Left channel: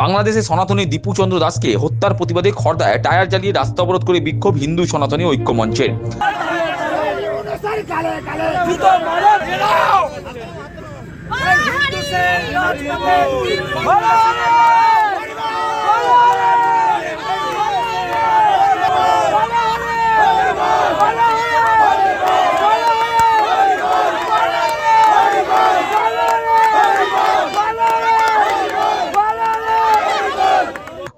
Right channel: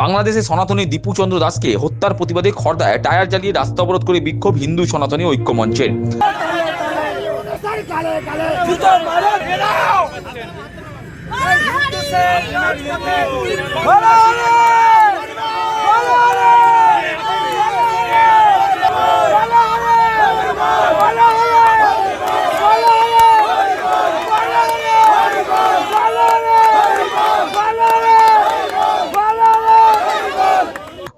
বাংলাদেশে সনাতনী দীপু চন্দ্র দাসকে হত্যার প্রতিবাদে খড়দায় টায়ার জ্বালিয়ে রাস্তা অবরোধ করে বিক্ষোভ হিন্দু সনাতনী ঐক্য মঞ্চের।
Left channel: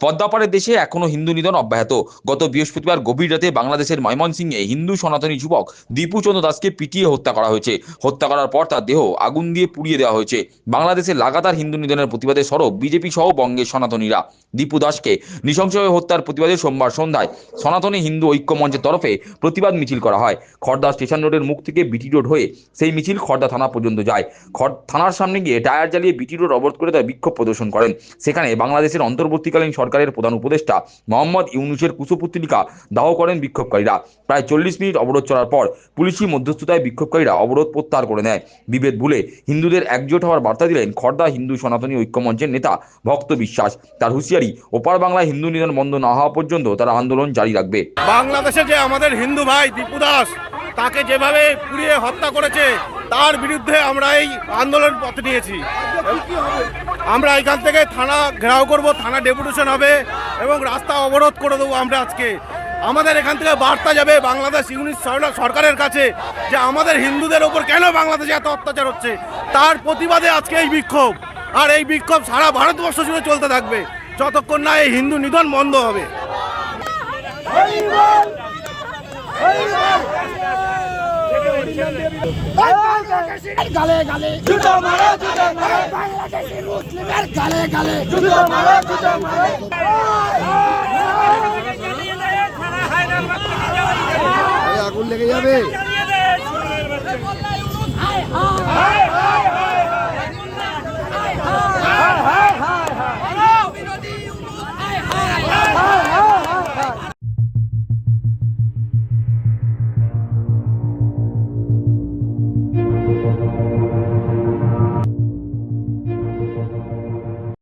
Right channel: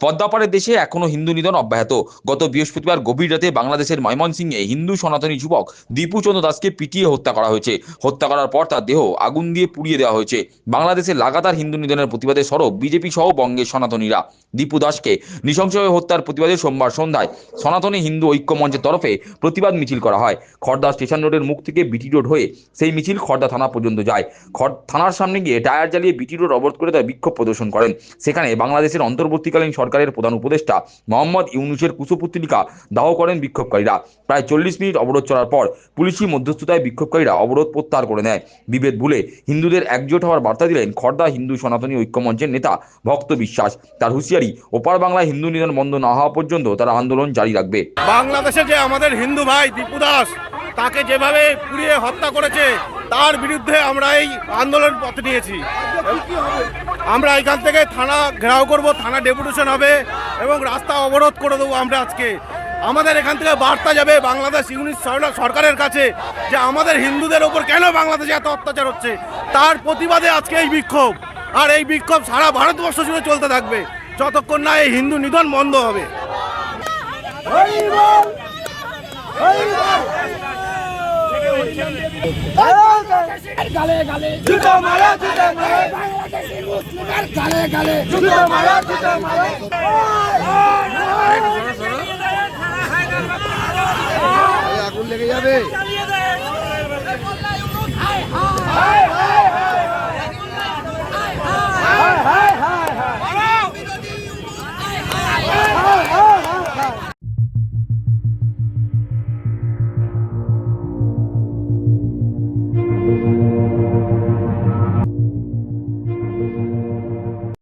পদ্মাপাড়ের দেশে এখনো হিন্দু নিধন অব্যাহত। গত বৃহস্পতিবার গভীর রাতে বাংলাদেশের ময়মনসিংহে হিন্দু সনাতনী যুবক দীপু চন্দ্র দাসকে পিটিয়ে হত্যা করা হয়েছে। হত্যা করার পর তার দেহ আগুন দিয়ে পুড়িয়ে দেওয়া হয়েছে। বাংলাদেশের লাগাতার হিন্দু নিধনের প্রতিবাদে সরব বিজেপি সহ বঙ্গের সনাতনীরা। দীপু দাসকে নৃশংসভাবে হত্যার প্রতিবাদে সোমবার সন্ধ্যায় সনাতনী হিন্দু ঐক্য মঞ্চের তরফে প্রতিবাদ মিছিল করা হয়। খড়দা স্টেশন রোডের মুখ থেকে বিটি রোড হয়ে সেই মিছিল খড়দা থানা পর্যন্ত যায়। থানার সামনে গিয়ে টায়ার জ্বালিয়ে বিটি রোড অবরোধ করে তারা বিক্ষোভ প্রদর্শন করেন। সেখানে বাংলাদেশের অন্তর্বর্তীকালীন সরকারের প্রধান উপদেষ্টা মোহাম্মদ ইউনূসের কুশপুত্তলিকা দাহ করেন বিক্ষোভকারীরা। প্রায় 40 মিনিট অবরোধ চলার পর পুলিশি মধ্যস্থতায় বিক্ষোভকারীরা অবরোধ প্রত্যাহার করে নেয়। বিভেদ ভুলে হিন্দুদের একজোট হওয়ার বার্তা দিলেন খড়দা হিন্দু সনাতনী ঐক্য মঞ্চের নেতা ভক্ত বিশ্বাস। তার হুঁশিয়ারি, ওপার বাংলায় হিন্দু নিধন বন্ধ না হওয়া পর্যন্ত তারা আন্দোলন জারি রাখবে। বাংলাদেশে যে আমাদের হিন্দু ভাই দীপু দাস তাকে যেভাবে পুড়িয়ে হত্যা করেছে তার বিরুদ্ধে আমরা এই আন্দোলন পথ নিয়েছি। আমরা এখান থেকে থানা ঘেরাও করব, থানা ডেপুটেশন হবে এবং রাস্তা অবরোধ করে দেবো। আমরা আজকে আমাদের এখান থেকে বার্তা যাবে বাংলাদেশ ইউনিট সরকারের কাছে যে আমাদের হিন্দুদের ওপর কেন বাংলাদেশে এত অত্যাচার হচ্ছে, তার প্রতিবাদে আজকে এই বিক্ষোভ। আর এই বিক্ষোভ সারা ভারতবর্ষ জুড়ে চলতে থাকবে যতক্ষণ না এই হিন্দু নিধন বন্ধ হবে। গালে গালে জুতো মারো, জুতো মারো, বাংলাদেশি মুসলিমের গালে গালে জুতো মারো, জুতো মারো। আগুন লেগে যাবে।